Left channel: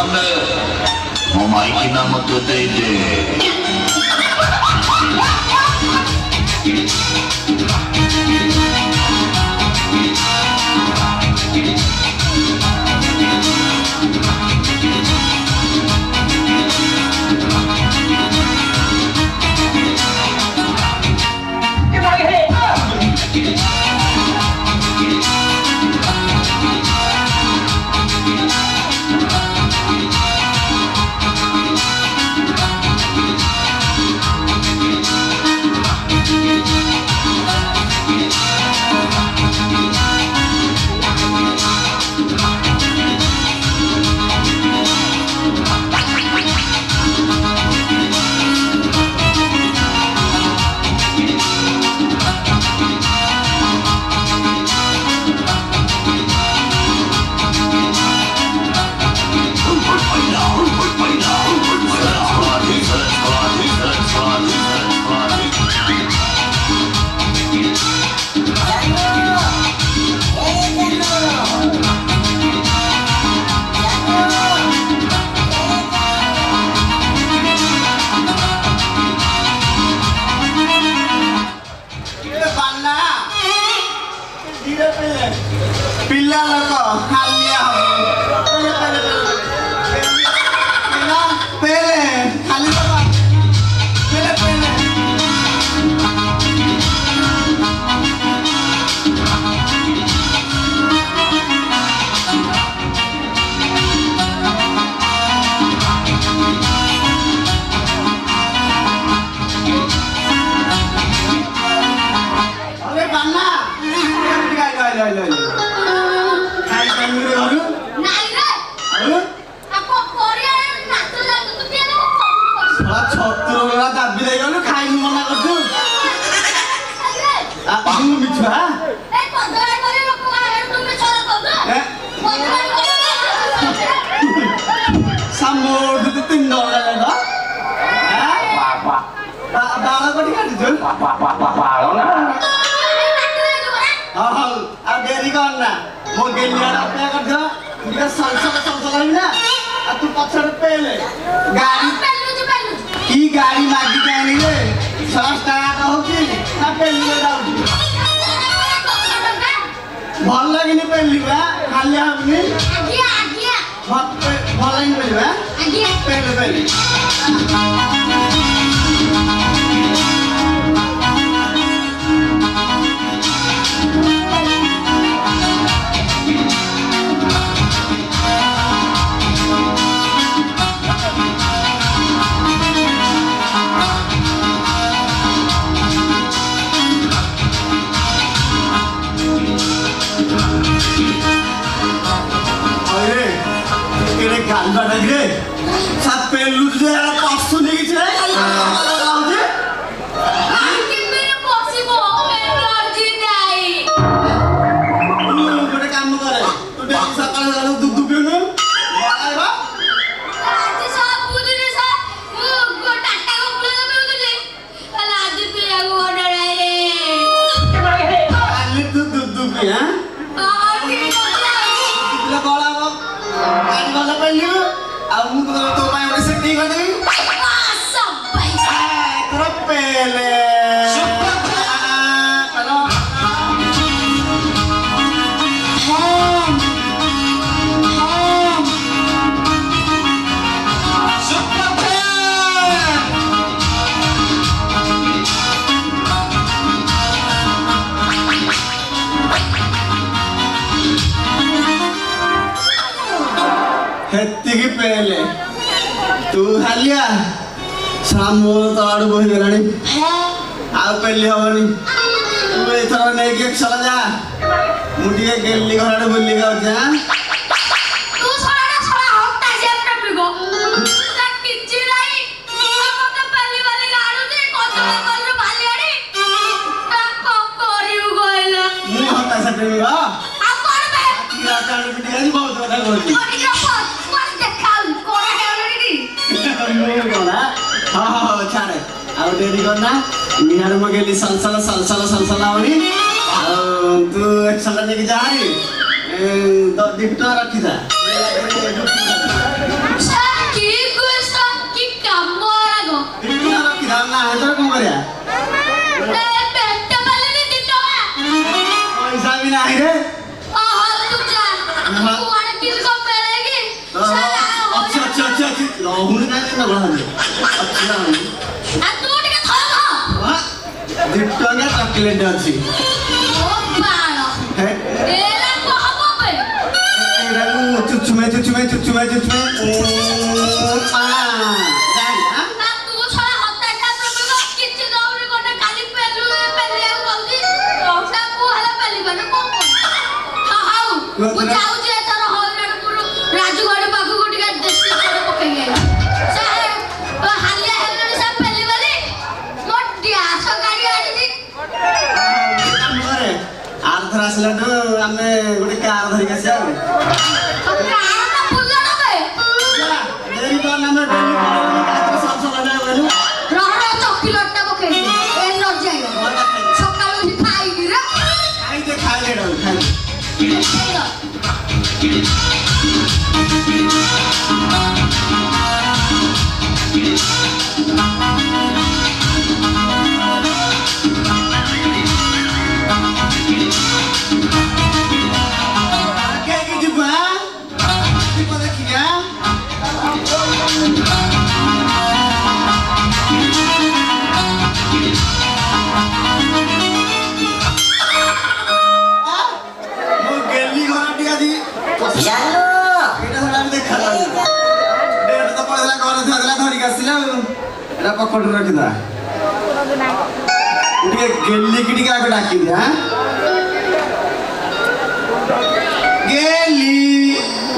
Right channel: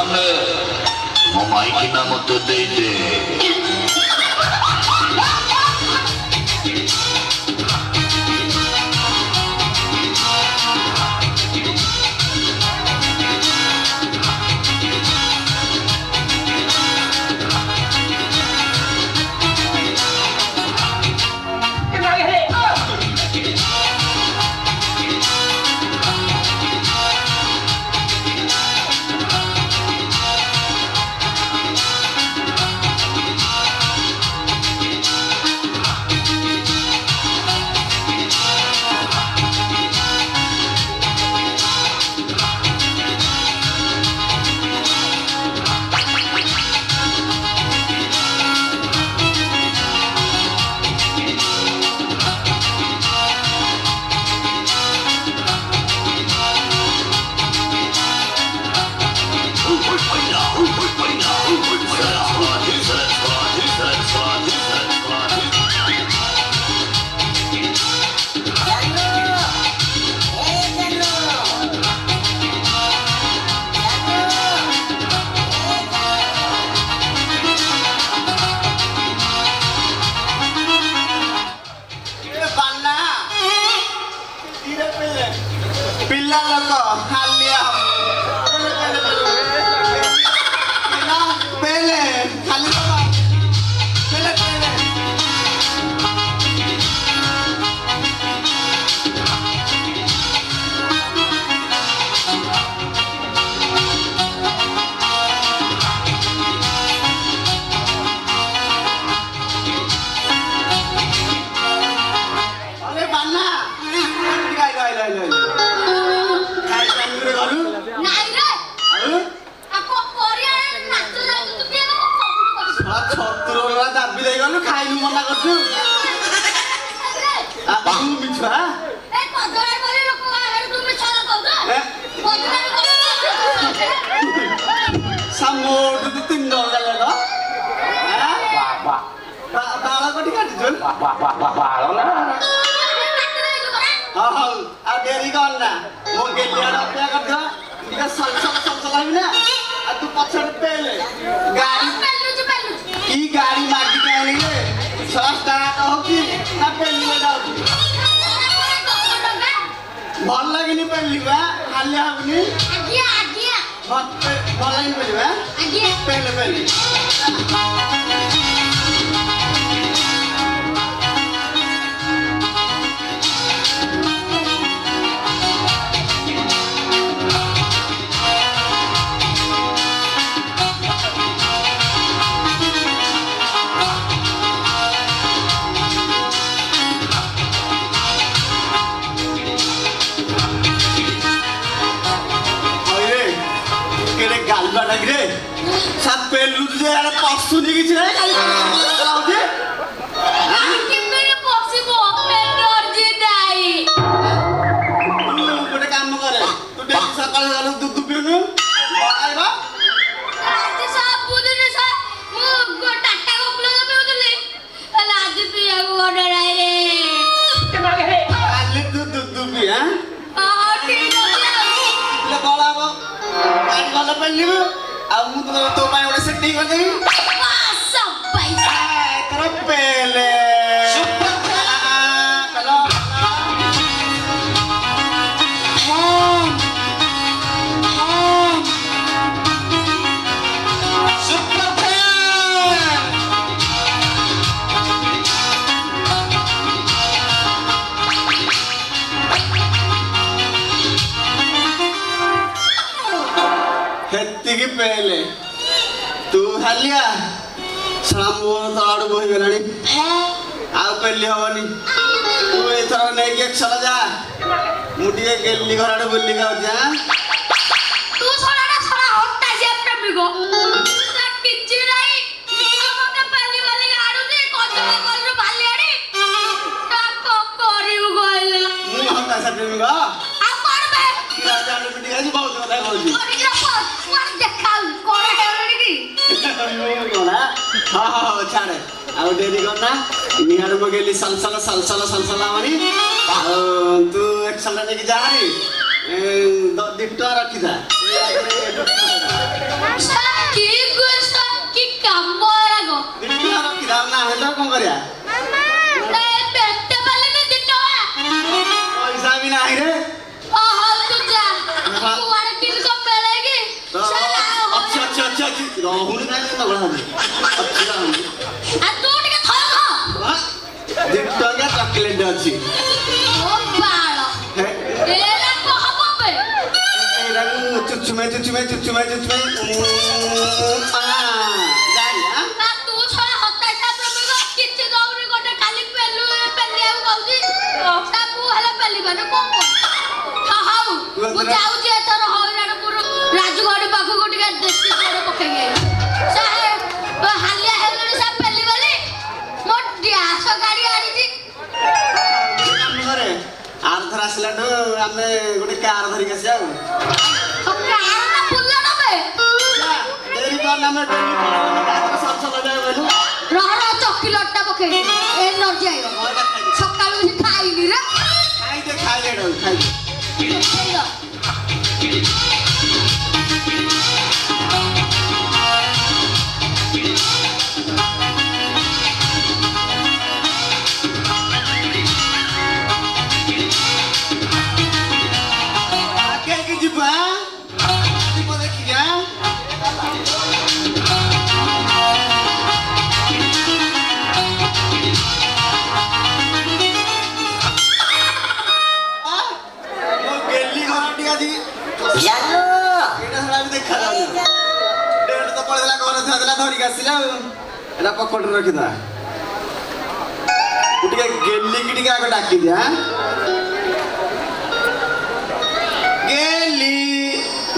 ଆମେ ମୋ ମାଇକିନା ମତେ ଦେଇଦେ। गाड़ी मागी के आनिले 100 টাকা होकी ना पेली में जाऊ ভাল লাগেনি পেলিবা খালি আপনি আজ্ঞা আজ্ঞা ভাল লাগেনি পেলিবা আজ্ঞা পেলে পেলি गाल बाटा रे सात पेलू तुझे यार 500 नहीं किछ रे लाउ दे आके मेरे पॉसिबल एनर्जी नहीं तू गोटे काम करे तू डेली सकाळ जानो दूध पिउनु बाय बा आज सब बुदिने सब को टाटा को पिउले कल आज पिया को ऑर्डर आए आले तू दूध पी हां आके ले गला को गाड़ी वाला पेलियो आ मु तो पाए ओडे सेटिंग कर देबी सब पैसा कर पेले चलो हेत्तिकी पेले तू हालिया सामो तलाडू बहि गलानी आ पेली हवनी तू एथर नै के चला जा मुटिए गेली घराडे बुल्ली गाव जा तू छोड़ा हट्टा जे अपना बिगो ता किछि नाही मते पहली वाली गाडू दे कोतला कोन भाली आडी ता को करिउ गइला मु हटा सटे बिगा आ करबे किरा जान बिटी गाजी बहुत কথা কইছি हाँ छाड़े आउ डेरी करना निहार मगेली सलसल आवनी तू एक साल लेके जा रे 2 रखी था ରହୁନି କାହିଁକି ନା ଗଳା ଆଉ ତୁ ଟିକେ ଥୟ କହ। 2 ଟଙ୍କା ଚକୋଲେଟ ଅଛି ଓ ବାଳ ଏରା କହବ ବେ ଏଇଟାକୁ ଚୁଚୁମେ ନା ତୁ ଛଡା ହତାଟା ପ୍ରଭୁ କିଛି ଦଉନି ଗୋଟେ ଖାଲି ପେଲିବାକୁ କହୁଛି ତାକୁ ହେଲେ ପେଲିବାନି କଣ ହଉ ମୁଁ ଯାଉଛି ଏଥର ହଇରାଣପୁର ରାଜୁଗଡ ପାଖକୁ ଟିକେ ଦେଶୀ ଘର ପକେଇ ସାହେବ ହାଲିଆ ହେଲଣି ସାହେବ ପେଲିଗଲି ମୋ ଗ୍ୟାସ ଗାଡି ଆଣିଛି ଆରଥର ଆସିଲାଠୁ ଆମେ ଗୋଟେ କାର ଧରିକି ଆସିବା ଚକିଲେଟଟା ପକେଇ ଏ ଲଜ୍ଜା ସକାଳୁ ଖାଇବି ରେ ଖାଇଲେ ଧରିକି ଆସିଲା ଏଟା ପକଟରେ ରଖିଦବା ଟିକେ ଗେଲିକି ଟିକେ ଆଗ ଡାକିଦିଆ ଗେଲି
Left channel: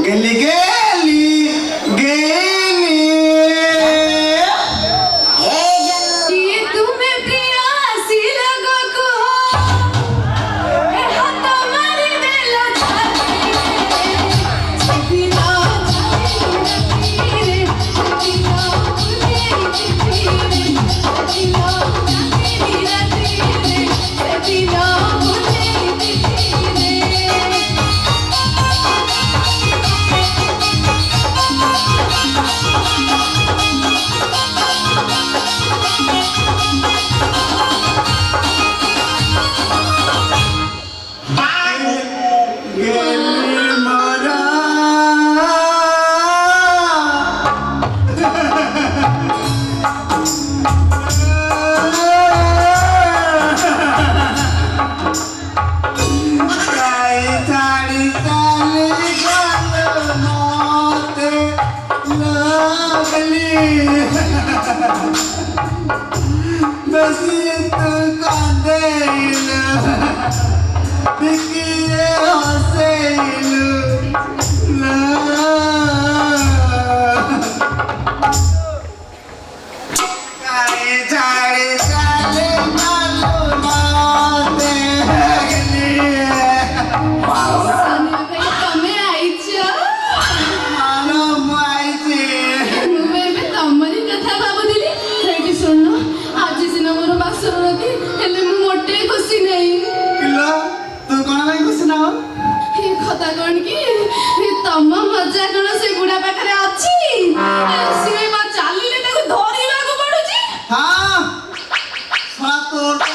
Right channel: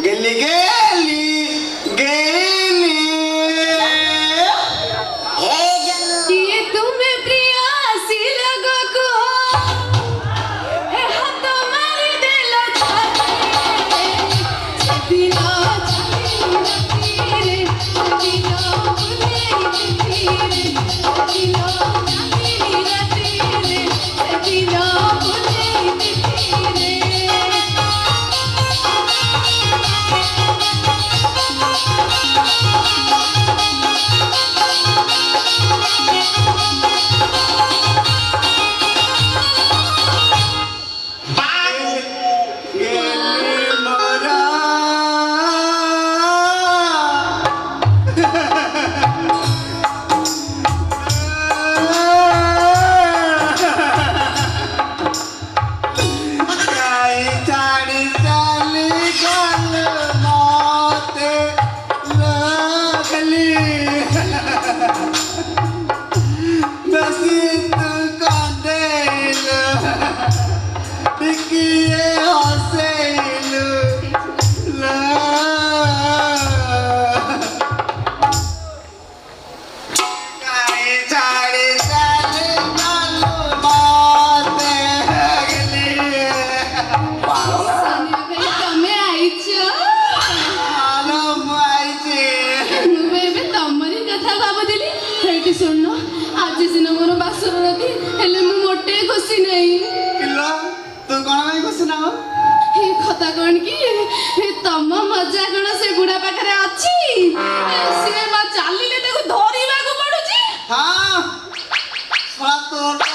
ଗେଲି ଗେଲି ଗେଲି ये तुम्हें प्रिया सी लगो को ए हाथ मारी देला सदिना रे सदिना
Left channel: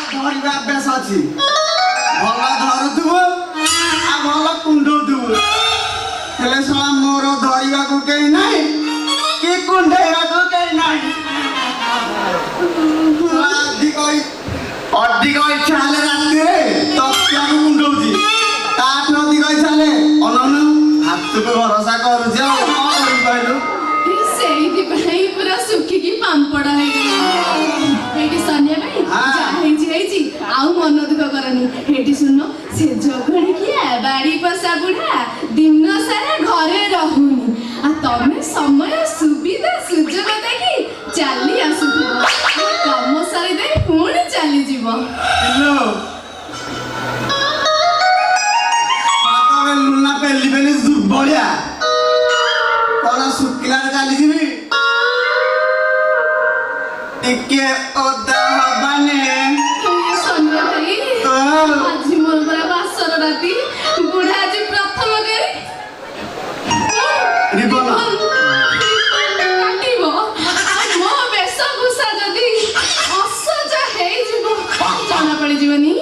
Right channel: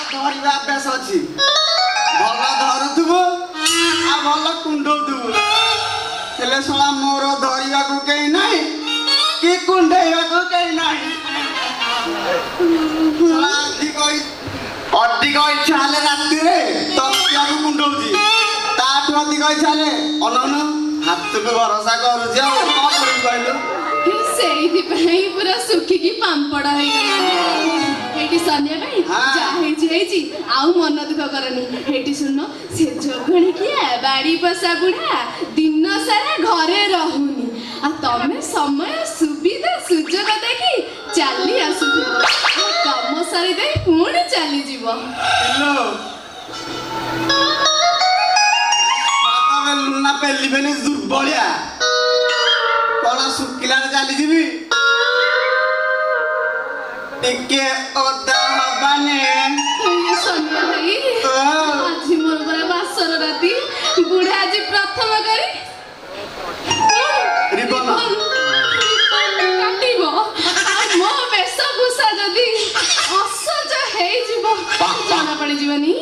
ଧରିବା ଅଭ୍ୟାସ ଅଛି ଭଲ ଧରୁଥିବ ଆଉ ଭଲ କୁଣ୍ଡଉଥିବ ହେଲେ ଶଳା ମୋର ଧରିବାକୁ କେହି ନାହିଁ କି କୁଣ୍ଡେଇବାକୁ କେହି ନାହିଁ ଅଧିକ ଇଚ୍ଛା ହେଲେ ରାତିରେ ତକିଆକୁ କୁଣ୍ଡଉଛି ତାଠୁ ଅଧିକ ଇଚ୍ଛା ହେଲେ ଅନନ ହାତକୁ ଭରସା କରୁଛି ଆଉ କଣ କରିବି କହିଲୁ ସେଇଥିପାଇଁ ପୁରା ଶୁଖିକି ପାମ୍ପଡ ହେଇଗଲା ଏଇଠି ସନ୍ଧ୍ୟା ପାଇଁ ଯାହା ହେଇଛି ଆଉ ମନ ଦୁଃଖ କରନି ଏଇଠି ଶୁଣ ସେ ଯୋଗଣୀ କିଆ ବାଡି ପଶା ବୁଢା ଦିନ ସାରା ଘରେ ରହୁନି ଆଉ ତମେ ସମୟ ସୁବିଧା ସୁଯୋଗ ଦେଖି ଚାଲି ଆସୁଥିବ କାମ ସାରି ଦେଇ ପୁଣି ଚାଲିଯିବ ଲୁନା ପେଲି ପେଲି ଦୁର୍ବଳିଆ କଣ ଶୁଖିଲାରେ ଚାଲିଯିବି ଟିକେ ଓଦା ହବାନେ ସନ୍ଧ୍ୟା ଭାଇ ଆଜି ମୋର ପରା ବାସର ରାତି ବୁଢା ଆଜି ପ୍ରଥମ କରି କାଟିବ ଆଉ ମୋ ବେଶଭୂଷା ଯଦି ଅସଜ ହେଇଯିବ ଜଣା ପଡିଯିବନି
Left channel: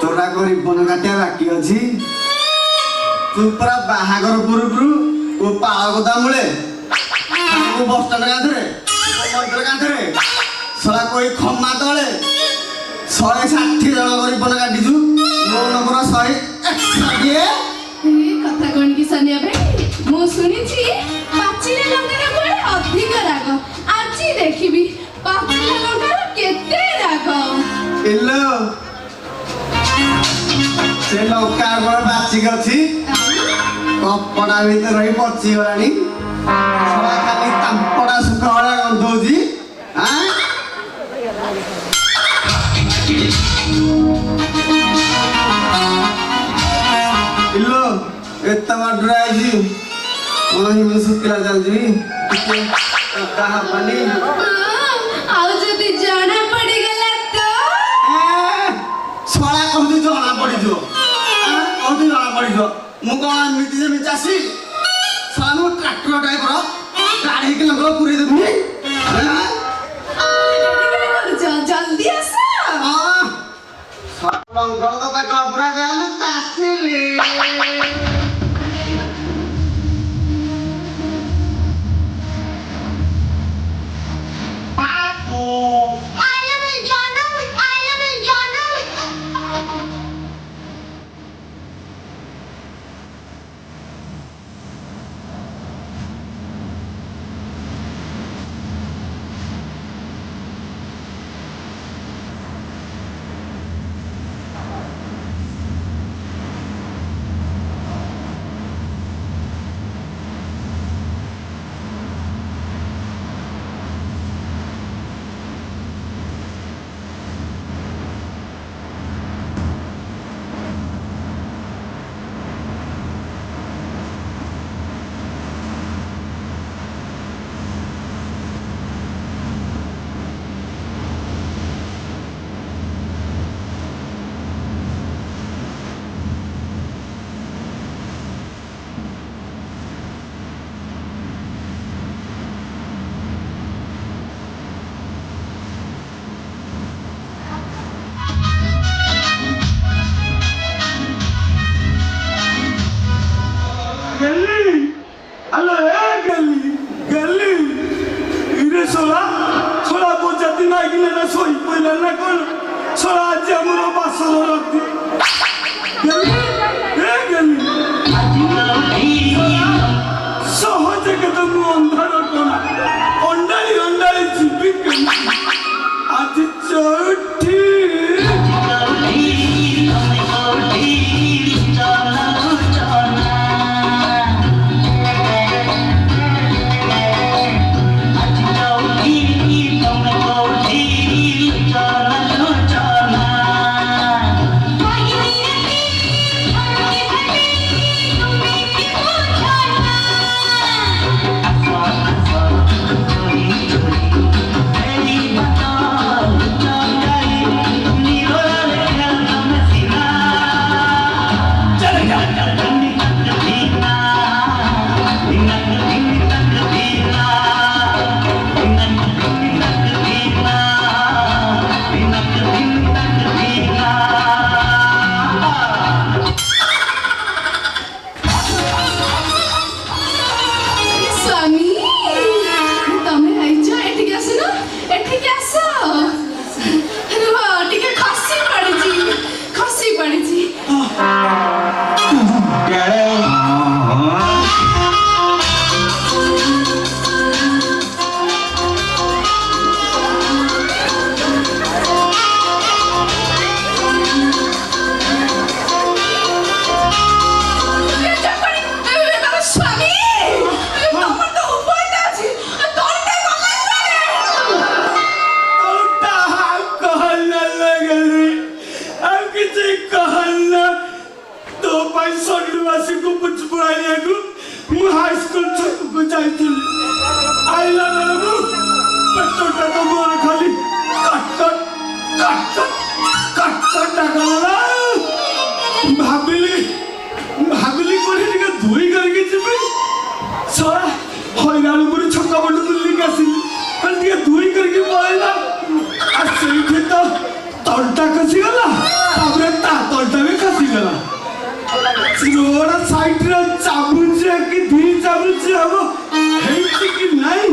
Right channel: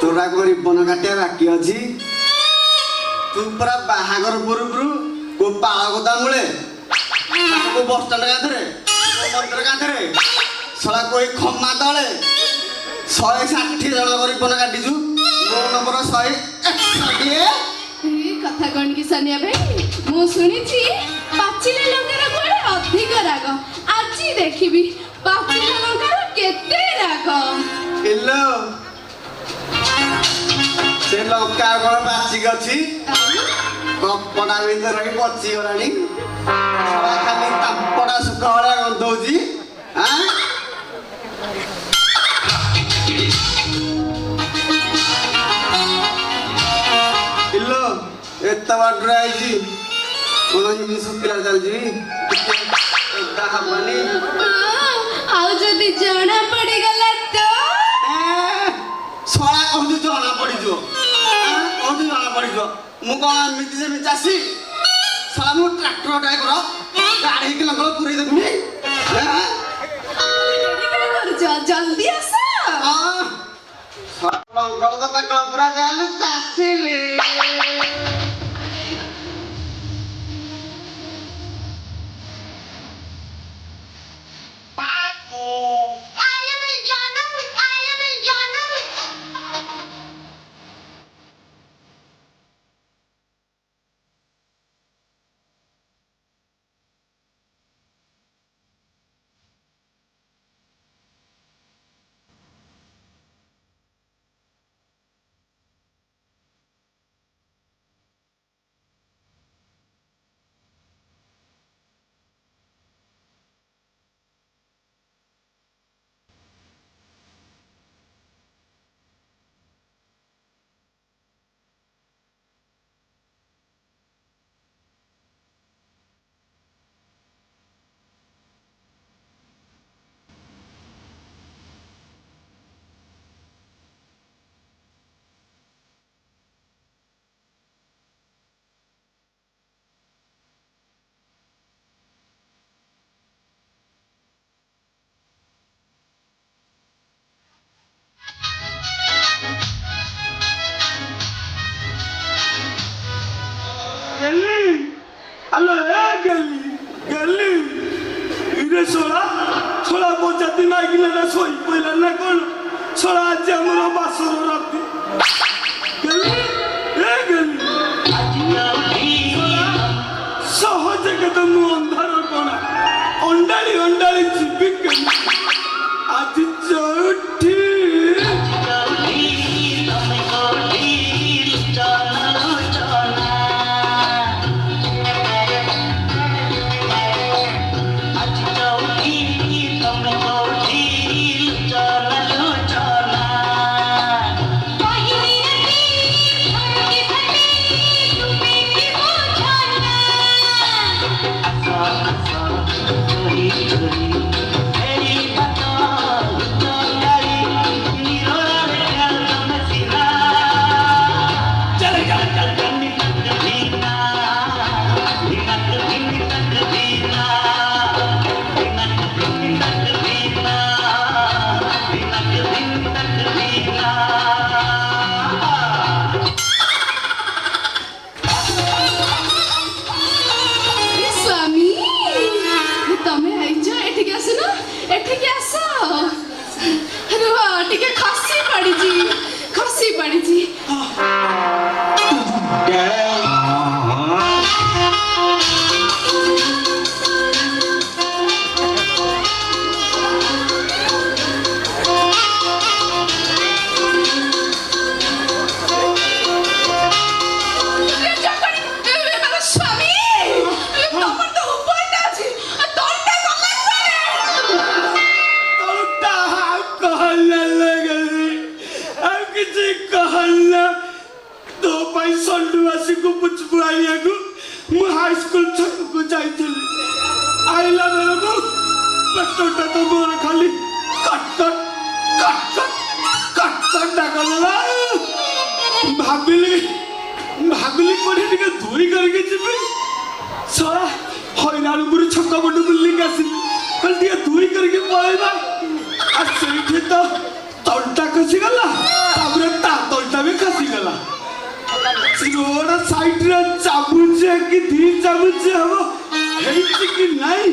ତୋରା ରିବନ କାଟିବା ବାକି ଅଛି ତୁ ପୁରା ବାହାଘର ପୂର୍ବରୁ ଓ ପାଳ କଥା ମୂଳେ ମୁଁ ବସ୍ ଷ୍ଟାଣ୍ଡ କାନ୍ଥରେ ମନ୍ଦିର କାନ୍ଥରେ ଶଳା କହି ଖମା ତଳେ 160 ଜଣ ଗରିବ କାଟିଛୁ ମୋ ନମ୍ବର 161। ଏ କଥା କଣ କି ସାନିଆ ଭାଇ, ମୁଁ ଶୁଣିଛି ପାଚିଲା ଲଙ୍କାର କୁଆଡେ ଅଧିକ ରାଗ। ଆଜି ଦେଖିବି ପାଚିଲା ଲଙ୍କାର କେତେ ରାଗ। ଇଲୋ ସେ ଲଙ୍କା କଣ ବାଚିକି ଅଛି, କପଡ଼ା ଭିତରେ ରହି ପଚିଗଲାଣି। ଶଳା ଖାଲି ତାମ୍ପଡ଼ା ସୁଖ ଭଳିଆ ଗନ୍ଧଉଛି। ଇଲୋ ଏତେ ବାଟରେ ଆଇଛି କଣ ଏମିତି ଶୁଖିଲା ଚାଲିଛି ଟିକେ ହବନି। ଆଉ ଯଦି ଜଣା ପଡିଗଲା ତ? ଶଳା କହୁଛି ଜଣା ପଡିଯିବ, କହୁଛି ଜଣା ପଡିଯିବ। ମୁଁ କଣ ଏମିତି ଯେମିତି ଚାଷୀ ଶଳା ମୁଁ ଟ୍ରାକ୍ଟର ଟାଇପର ଗାଡ଼ି ହେଇକି ଲଙ୍ଗଳ ପୁରେଇ ଦେବି। ଜଲ୍ଦି ଆସ। ଲଙ୍ଗଳ ତ ପେଟ ପୁରା ଗଲେ ଚାଷିଲି। Allora, galli, ire sola bocciati naikile na soi pela na kono, sola aji amuro basolo rati. Galli, sohoje katamu andhara kona, ondali chipik aji choti. High school छकु जाइथिली आइला बेलकु पेट्रोलटा तो मोर खाली कट डाकला भाबिली कोनी टिके धोई करके जिबे सारा होइनाल गुरु छक्का बड बुल्ली कासिली कल टिके धोई करके पळेला आ सेठी तो तलटा खसी गला ताबरे ता तलटा भी खसी गला रोड साइड रे चाबुचे कि धी चाबुचे हबो हेइछि कि नाही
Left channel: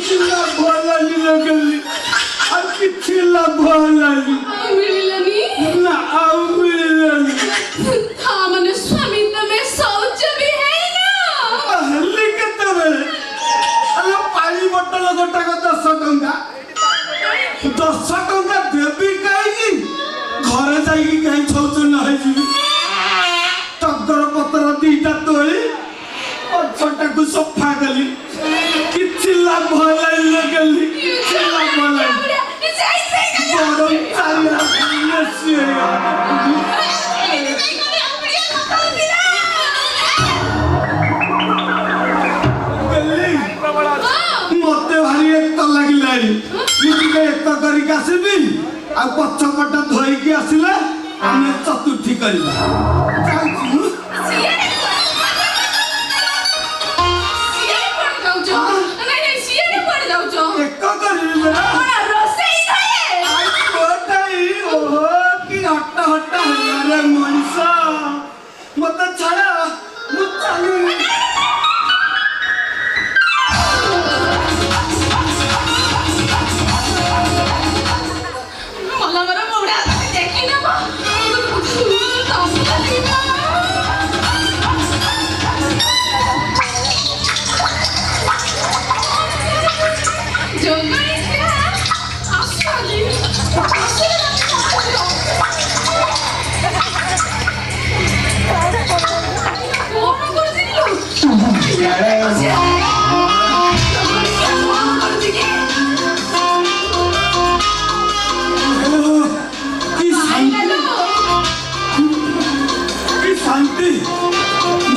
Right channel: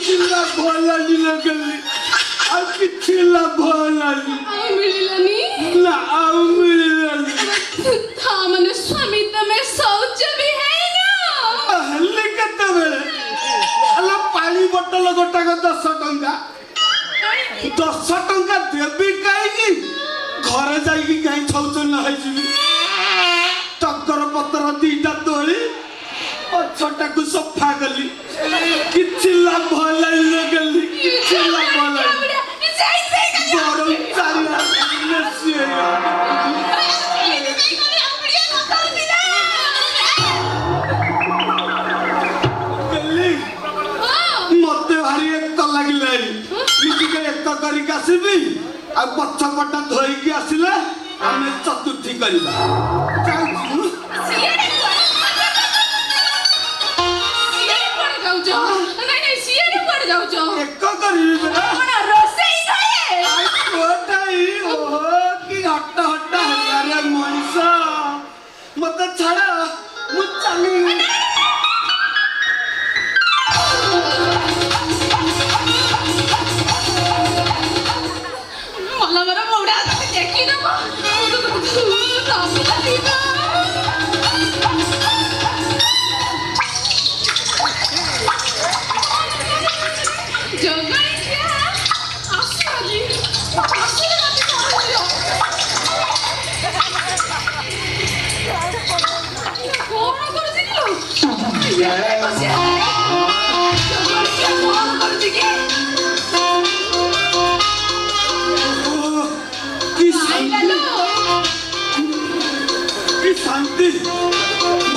କିଛି ଲାଭ ହେଲାନି ନା ଗଲି ଆଉ କିଛି ଲାଭ ହେଲାନି ଆଉ ମିଳିଲାନି ନା ଆଉ ମିଳିଲାନି ତା ମାନେ ସ୍ୱାମୀ ତମେ ଶୌଚ ବି ହେଇନ ହେଲି କେତେବେଳେ ଆଲୋ ପାଣି ବୋତଲ ଗୋଟାକ 10 ଟଙ୍କା 10 ଟଙ୍କା ଦେବି କାହିଁକି ଘରେ ଯାଇକି କାହିଁ ଶୌଚ ହେଇଯିବି ଟଗର ପତ୍ର 2ଟା ତୋଳି ପଛଟାକୁ ସଫା କଲି କିଛି ଲାଭ ହେଲାନି ନା ଗଲି କିଛି ଲାଭ ହେଲାନି ବଡ଼ ଚାରିଆଡ଼େ ମେସି ଗଲି ମତେ ଭାରି ଏକ ଲାଗିଲାଣି ମୁଁ ଟିକେ ଏକ କରିକି ଆସିବି ଆଉ ପଛପଟ ଧୋଇକି ଆସିଲେ ଆମେ ଚତୁର୍ଥୀ କରିବା ଯାଉଛି ମୁଁ ଏକ କରିବି ପରା ଓହୋ କି ହଟ ହଟ ହେଲାରେ ମଣିଷ ମତେ ଛାଡ଼ ମୁଁ ଚାଲିବି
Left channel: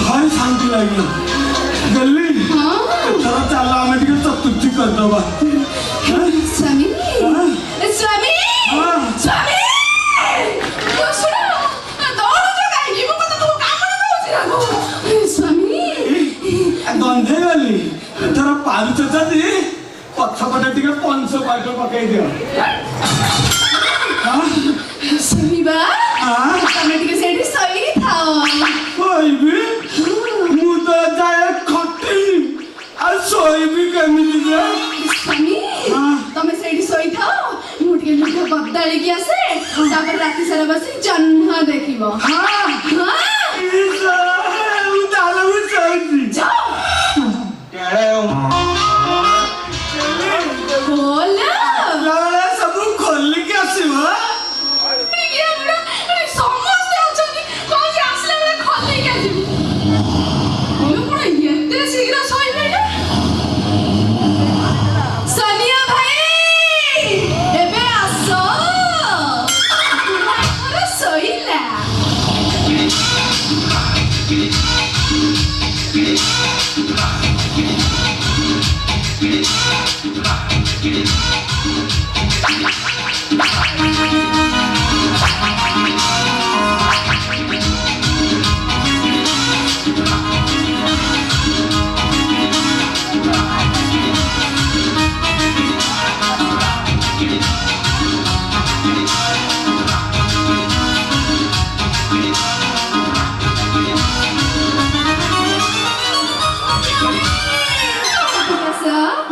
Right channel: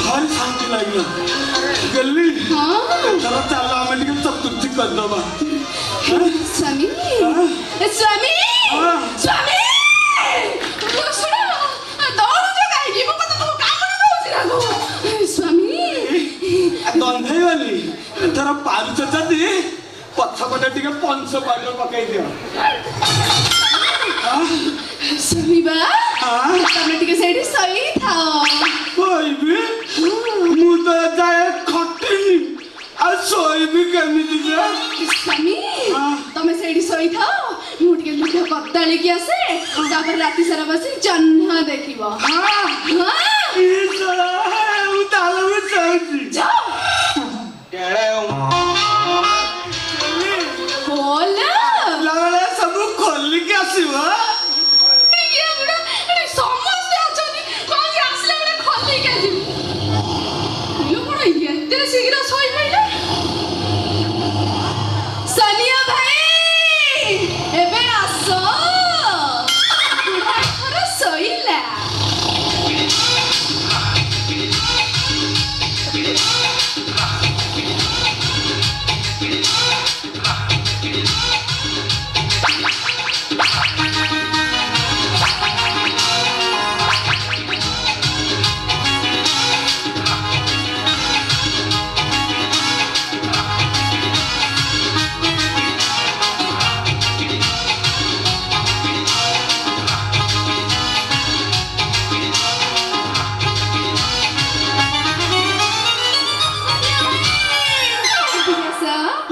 भारी शांति लगे गली चलो चल आम टे चतुर्थी करदबा स्वामी स्वामी स्वामी सुन दौड़ काई मो कत तो काम दउछि स्वामी गंधे गली एथर पारुच जदि पछपटे टिके 500 पाट पकाई दियो स्वामी बा तमे टिके सेठी सही थाओ कोइबी मु तो जाए खटी आ सोइबी केमिति जे स्वामी तमे सेठी सही थाओ मु टिके लुगा बदली की आसे तापर राती सारा बसी जन्ह देखिबो हां उदाहरण सोइबी जाओ केड़े बोल लाले सब खोल के आसीबो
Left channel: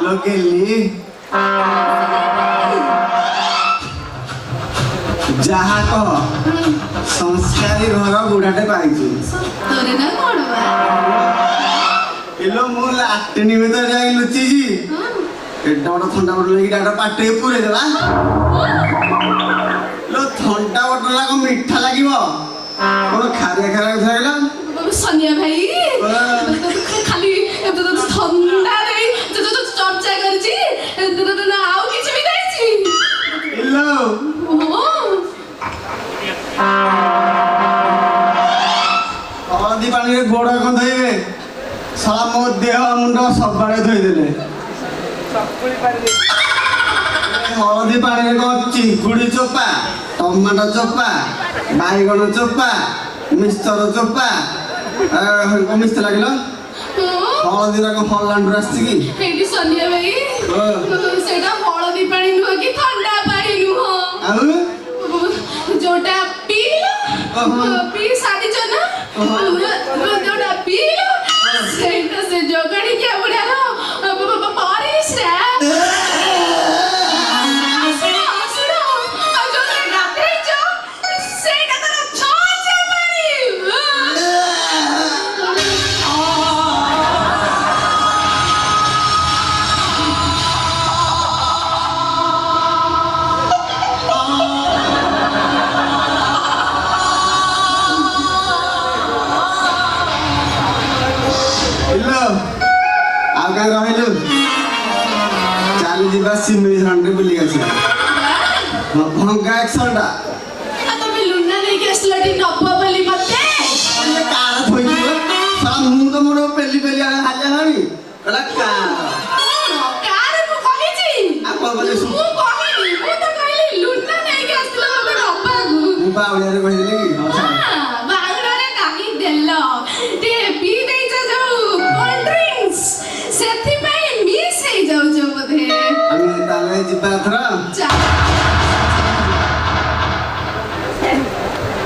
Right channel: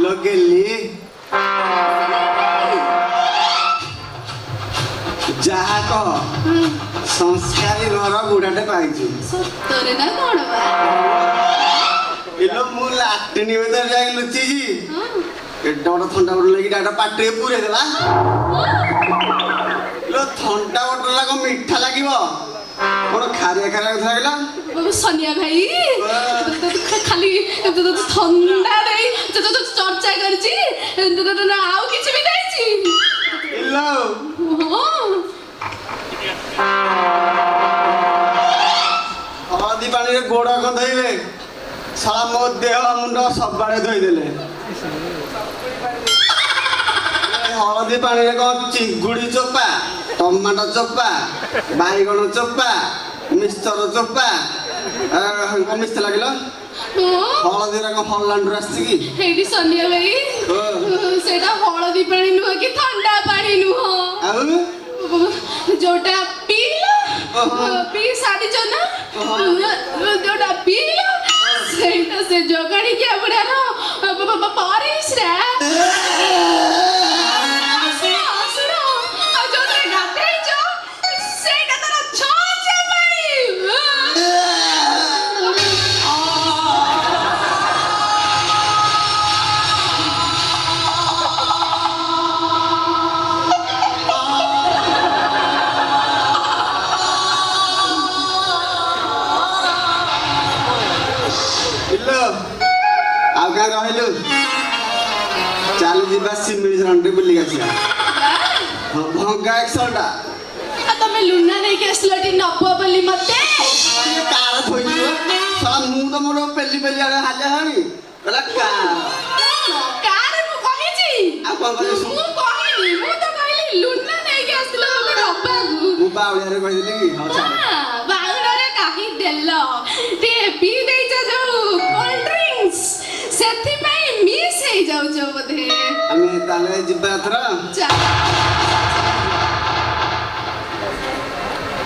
लगेली जहा कह संस्कारी घर बुढ़ाटे पाइछु तोरे ना कोण बा एलो मु लाटनी भीतर जाई लुचि जी एटा बड़ ठंडा बड़ लगी डाटा पाटे पुरे देला लो ठंडा बड़ लाग मीठा लागिवो कोन खारिया खारिया लागला सनिया भाई खाली ठंडा रे चर्चा करछि ना आउ किछ भी दैछि एलो हळदी पानी रे गोड़ा को धोइबे साला मो देह मुंड सब बारे धोइ देले हळदी पानी रे को चिंगुड़ी चोपा टमाटो चोपा बाईगण चोपा मिस्टर चोपा मिस्टर लागलो हळदी रे को हॉलैंड आछि की हेडी सनिया भाई सेटा हळदी पानी नुह कि ठंडा पानी नुह आउ जोटा पीलो पी साडी चना जोटा पीलो सेटा से जोगणी के बढिया रो परिस रे ଯିବା ସିମିଳି ଝରଣରେ ବୁଲିକି ଆସିବା ଭଙ୍ଗା ଏକ୍ସଲଟା ତମେ ଲୁନା ନେଇକି ଆସିଲଟି ନବ ବୋଲି ମତେ କାର ଥୋଇଯିବ ଶଳା ମୁଁ ତ ମୋର ପେଲି ପେଲି ଆଗ ହାଲିଆ ହେଲାଣି କହିଲା କାର ମୁଁ କହିଛି ଆଉ କଣ କହିଲେ ମୁଁ କହିନି ମୁଁ ତ କହିଲି ଲୁନା ନେଇକି ଆସିଲ ମତେ ନବାକୁ ମୁଁ ବାଉଳିଆରେ କହିଥିଲି କି ବାଉଡ଼ରେ କାହିଁ ଦେଲ ଟିକେ ପିଇ